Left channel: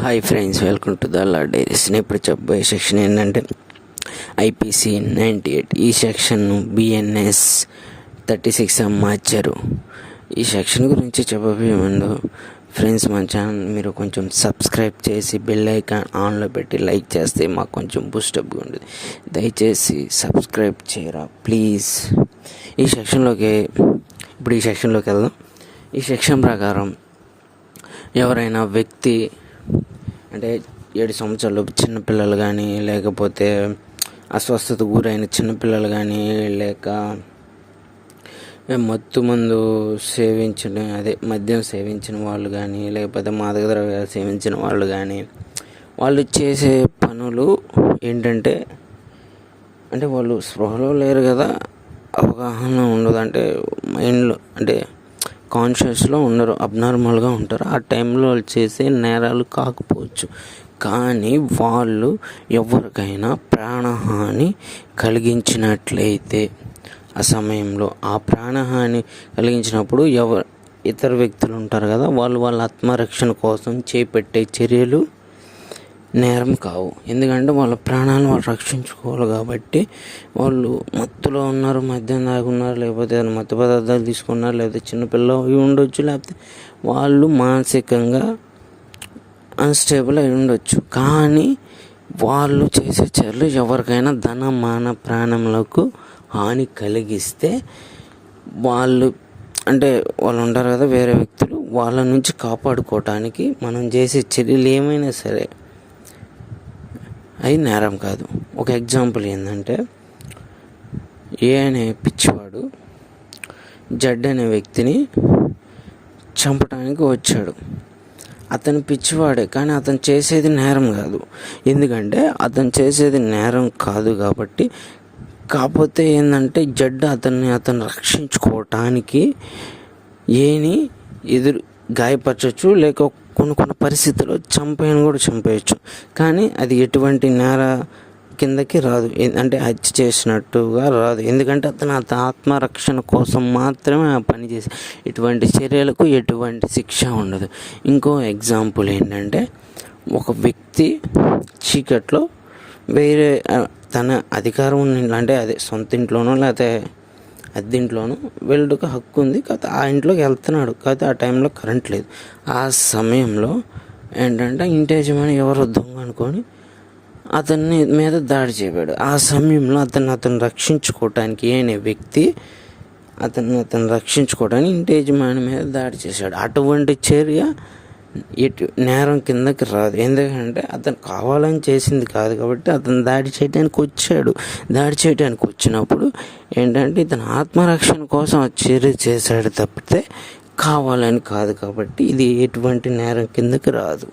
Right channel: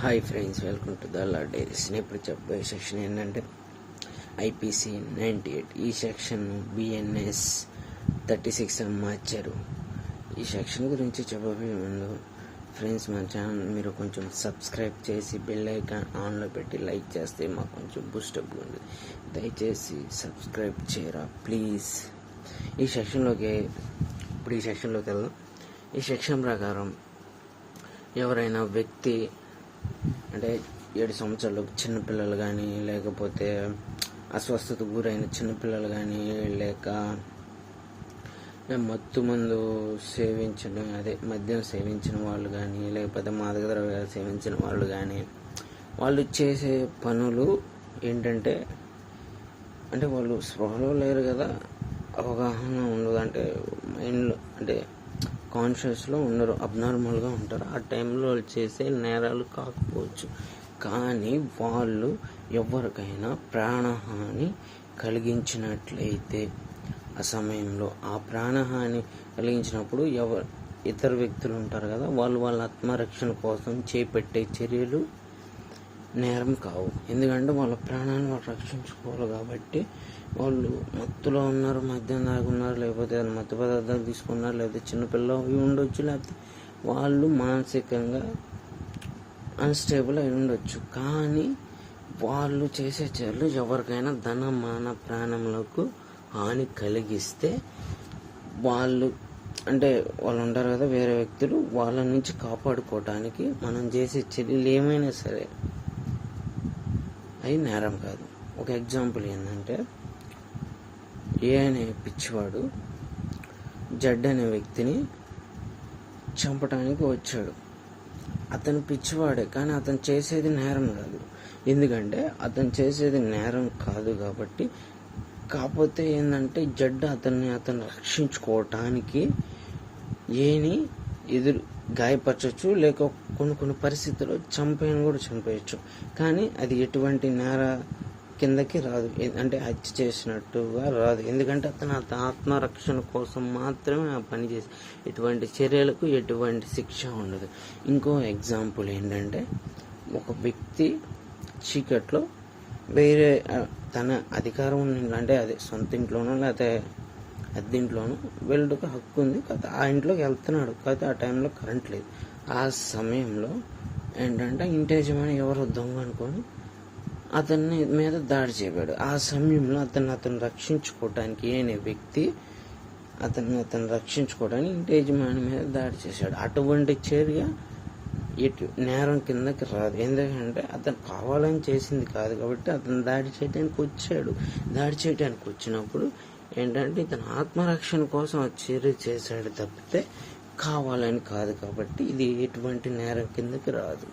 Hi friends, welcome to the law diaries. నేను ఇప్పుడు చెప్పబోయే సెక్షన్ ఏంటంటే ఐపీసీ 98. ఈ సెక్షన్ను బిఎన్ఎస్ 36 మార్చారు. ఈ సెక్షన్ గురించి చెప్పబోయే ముందు ఫ్రెండ్స్, మన ఛానల్ మీరు కొంచెం సబ్స్క్రైబ్ చేసి బెల్ ఐకాన్ ఆన్లో పెట్టి లైక్ చేస్తే మాకు కొంచెం బూస్టప్గా ఉంటుంది. దయచేసి సబ్స్క్రైబ్ చేయరా ప్లీజ్. ఈ సెక్షన్లోకి వెళ్దాం. ఈ సెక్షన్ ప్రకారం ఎవరైనా వ్యక్తి అంటే 7 సంవత్సరాలు చిన్నపిల్లలు కానీ, లేకపోతే అస్వస్థతకు గురైన చిన్నపిల్లలు కానీ, లేక మద్యం సేవించిన వాళ్ళు కానీ, లేకపోతే మాదక ద్రవ్యాలు సేవించిన వాళ్ళు కానీ, వాళ్ళు చేసే పనులు ఏంటంటే వాళ్ళు స్పృహలో లేరు కదా, అవగాహన ఉండదు, అంటే మైండ్లో అంటే కాన్షియస్లో ఉండరు, అబ్నార్మల్గా ఉంటారు. ఆ టైంలో వాళ్ళు చేసే నేరాలు కాకపోవచ్చు, కానీ వాళ్ళు ఎవరికైనా ప్రాణహాని కలిగించినట్లయితే ఆ సమయంలో ఆ ప్రాణహాని కలిగించినప్పుడు ఇతర వ్యక్తులు ఉంటారు కదా, వాళ్ళ ఆత్మరక్షణ కోసం చేపట్టే చర్యలు నేరం కావు. ఎందుకంటే వాళ్ళ ప్రాణాలను వాళ్ళు రక్షించుకోవాలి కాబట్టి. వాళ్ళు మత్తులో ఉన్నారు, మద్యం తాగున్నారు, లేకపోతే మత్తు పదార్థాలు తీసుకున్నారు, లేకపోతే చిన్నపిల్లలు అవి ఉండొచ్చు, లేకపోతే వాళ్ళు మానసికంగా అన్స్టేబుల్ అయి ఉండొచ్చు. కానీ వాళ్ళు చేసే చర్యలు ఎవరికైనా ధన మాన ప్రాణములకు హాని కలిగిస్తే వాళ్ళు ఉంటారు కదా వేరే వ్యక్తులు, వాళ్ళ నుంచి కాపాడుకోవటానికి మనం చేసే చర్యలు ఏమైనా సరే అది నేరం కాదు. ఒక ఎగ్జాంపుల్ ఏంటంటే, అనే పిచ్చివాడు జడ్ అనే వ్యక్తిని చంపడానికి వచ్చాడు. అతను పిచ్చివాడే, కానీ అతను చేసేది నేరం కాదు. ఎందుకంటే అతను చేసేది నేరం కాదు కాబట్టి. కాకపోతే ఏంటంటే జడ్ అతను రక్షించుకోవటానికి గాయపరచవచ్చు, లేక కొన్ని పరిస్థితుల్లో చంపేయచ్చు. కానీ అది ఎటువంటి నేర కిందకి రాదు, అంటే హత్య చేసినట్టుగా రాదు. ఎందుకంటే అతను ఆత్మరక్షణ కోసం మాత్రమే ఆ పని చేసి ఎటువంటి చర్యలకు ఎటువంటి శిక్ష ఉండదు. ఇంకో ఎగ్జాంపుల్ ఏంటంటే, ఒక వ్యక్తి చీకట్లో వేరే తన అధికారం అంటే సొంత ఇంట్లోనో లేకపోతే అద్దెంట్లోనూ వెళ్ళడానికి హక్కు ఉంది, కాకపోతే ఆ ఇంట్లోకి వెళ్తున్నాడు, కాకపోతే ఆ టైంలో కరెంట్ లేదు. ఆ సమయంలో ఏంటంటే ఇంటి యజమాని ఎవరో దొంగ అనుకొని అతన్ని మీద దాడి చేయబడాడు. ఆ సమయంలో అతను రక్షించుకోవటానికి అనే వ్యక్తి అతను రక్షించుకోవడానికి ఇంటి యజమాని మీద దాడి చేశాడు. అటువంటి చర్య నేరం కిందకి రాదు. ఎందుకంటే అతను కావాలని చేసింది కాదు కాబట్టి అతను దాడి చేయడానికి వచ్చినప్పుడు ఏంటంటే ఇతను ఆత్మరక్షణ కోసం ఆ చర్య చేశాడు తప్పితే కావాలని కాదు కాబట్టి ఇది ఎటువంటి నేరం కిందకి రాదు.